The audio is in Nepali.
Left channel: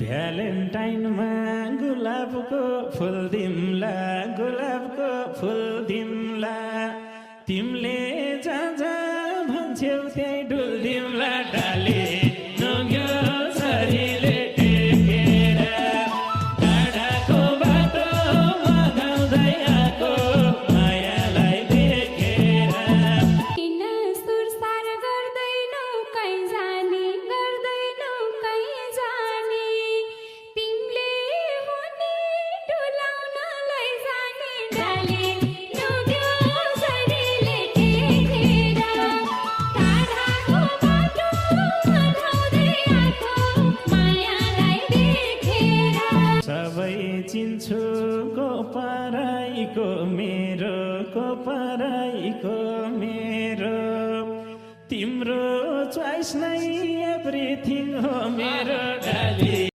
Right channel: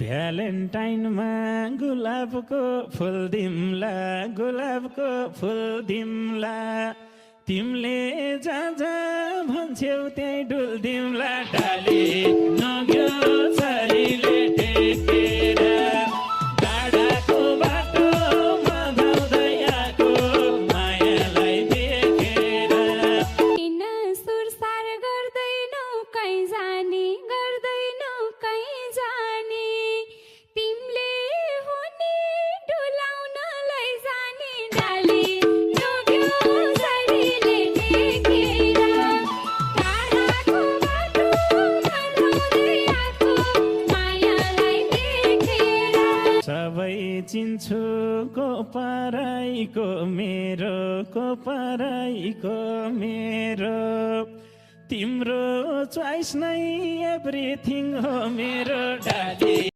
भ्यालेन्टाइनमा गुलाबको फुल दिम्ला गुलाबको फुल दिम्ला तिमीले जहाँ जहाँ भन्छौ त्यही डुल दिम्ला डाले नग्यो शरीरले टेकेर टाढाको बाटोमा गाउँदै आएको मायालाई देखेर किन सुरसार गर्दैनौ कहीँ जाने गर्दैनौ कहीँ जाने तिमीले हुने डुलाउन लैजाने डाली नग्यो शरीरले टेकेर टाढाको बाटोमा धाउँदै आएको मायालाई देखेर सबै चिन्छु को पराईको मेरो तिम्रो चोइस नै एभ्रिथिङ हो मेरो डाली